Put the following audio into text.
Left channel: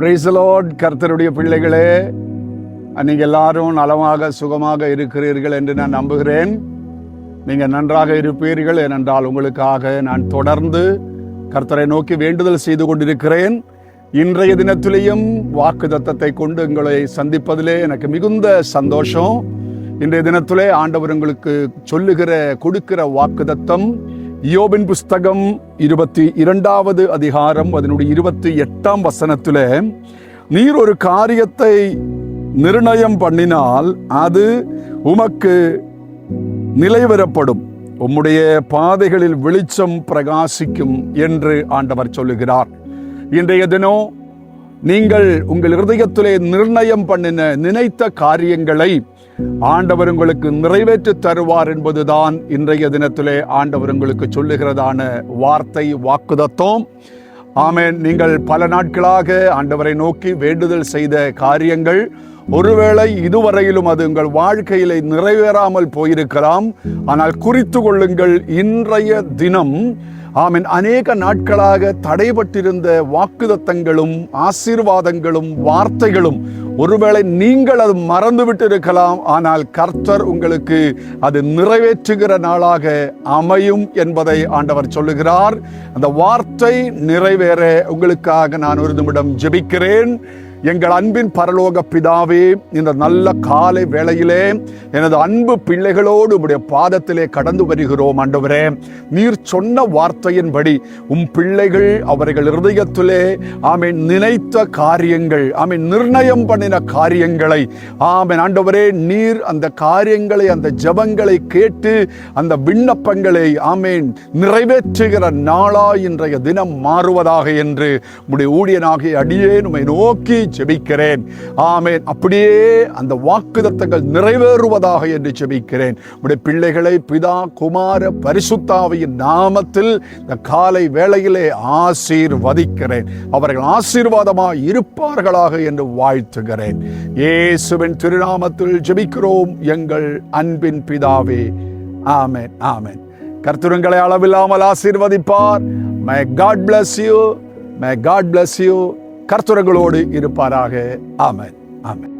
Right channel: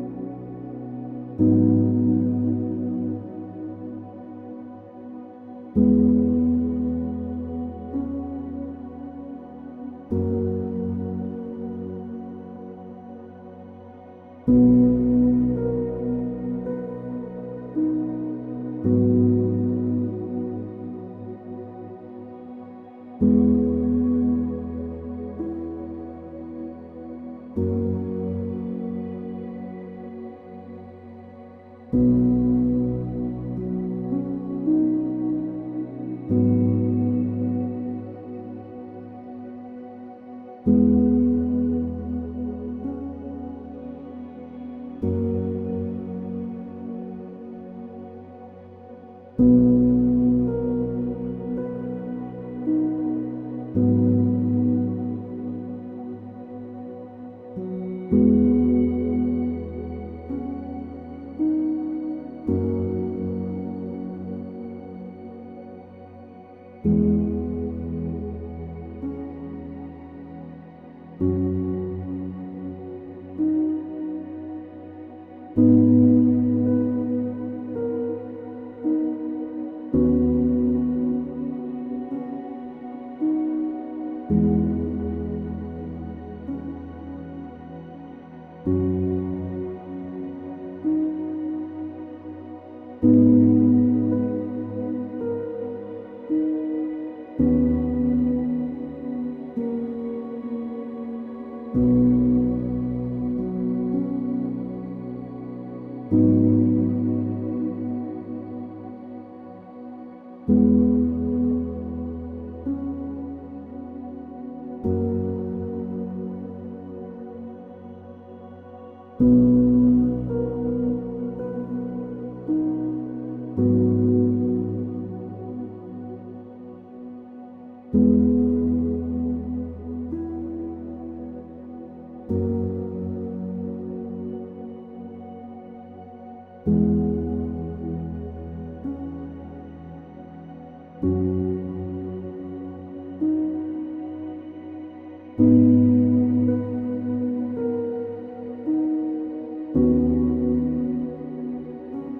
Praise the Lord. கர்த்தருடைய பிள்ளைகளே, நீங்கள் எல்லாரும் நலமாக சுகமாக இருக்கிறீர்கள் என்று நான் நம்புகிறேன். நீங்கள் நன்றாக இருப்பீர்கள். ஏனென்றால் உங்களுக்காக நான் தொடர்ந்து கர்த்தரை நோக்கி வேண்டுதல் செய்து கொண்டிருக்கிறேன். இன்றைய தினத்திலேயும் வாக்குத்தத்தத்தை கொண்டு உங்களை சந்திப்பதிலே எனக்கு மிகுந்த சந்தோஷம். இன்றைய தினத்திலே ஆண்டவர் உங்களுக்கு கொடுக்கிற வாக்குத்தத்தம் யோபின் புஸ்தகம் 22வது அதிகாரம் அதனுடைய 28ஆம் வசனத்திலே, நீர் ஒரு காரியத்தை நிர்ணயம் பண்ணினால் அது உமக்கு நிலைவரப்படும், உம்முடைய பாதைகளில் வெளிச்சம் பிரகாசிக்கும் என்று ஆண்டவர் சொல்லுகிறார். இன்றைய தினம் நீங்கள் உங்கள் இருதயத்திலே நிர்ணயம் பண்ணின நினைத்த காரியங்களை ஆண்டவர் உங்களுக்கு நிறைவேற்றி தருவார் என்பதுதான் இன்றைய தினத்திலே ஆண்டவர் உங்களுக்கு சொல்லுகிறதான வார்த்தை, வாக்குத்தத்தம். ஆமென். நீங்கள் பல நாட்களாக ஆண்டவரை நோக்கி வேண்டுதல் செய்த காரியங்கள் ஒருவேளை இதுவரையிலும் அது உங்கள் வாழ்க்கையிலே நிறைவேறாமல் போயிருக்கலாம். ஆனால் குறித்து கொள்ளுங்கள், இன்றைய தினம் ஆமென் அநேக நாட்களாக தடைபட்டிருந்த வாக்குத்தத்தங்களும் ஆசீர்வாதங்களும் வார்த்தைகளும் ஒருவேளை நீங்கள் அது மறந்துவிட்டு இருக்கலாம். ஆனால் கர்த்தர் உங்களுக்கு அது நிறைவேற்றுகிற நாளாக அமையும் என்பதை ஆண்டவர் சொல்லுகிறார். அந்த வார்த்தை நிறைவேற உங்களுக்காக நான் ஒரு நிமிடம் ஜெபிக்கிறேன். எங்கள் அன்பின் பரலோக பிதாவே, இந்த நல்ல காலை வேளையிலே எனது அன்பு பிள்ளைகளோடு உம்முடைய பாதத்திலே கடந்து வருகிறோம். ஆண்டவரே, நீர் சொன்ன வார்த்தையின்படி உம் பிள்ளைகள் அவர்கள் இருதயத்திலே ஆமென் நினைத்த காரியங்கள், ஆமென் நிர்ணயம் பண்ணின காரியங்களை, ஆமென் ஆண்டவரே, நீர் அந்த காரியங்களை, அந்த ஜெபங்களை கேட்டு அந்த விண்ணப்பங்களை ஆமென் நிறைவேற்றுகிற நாளா இன்றைய தினம் மாறுவதாக என்று உம்முடைய ஊழியனாகிய அடியேன் உம்மை நோக்கி ஜெபிக்கிறேன். ஆமென். அப்படியே அந்த வாக்குத்தத்தங்கள் நிறைவேறுவதாக என்று ஜெபிக்கிறேன். உம்முடைய பிள்ளைகளை பிதா குமார பரிசுத்தாவியின் நாமத்தில் இந்த காலை வேளையிலே ஆசீர்வதிக்கிறேன். அவர்கள் ஆசீர்வாதமாய் இருப்பார்களாக என்று வாழ்த்துகிறேன். இயேசுவின் திருநாமத்தில் ஜெபிக்கிறோம் எங்கள் அன்பின் பிதாவே. ஆமென், ஆமென். கர்த்தர் உங்களை அளவில்லாமல் ஆசீர்வதிப்பார். May God bless you. May God bless you. கர்த்தர்களோடு இருப்பாராக. ஆமென், ஆமென்.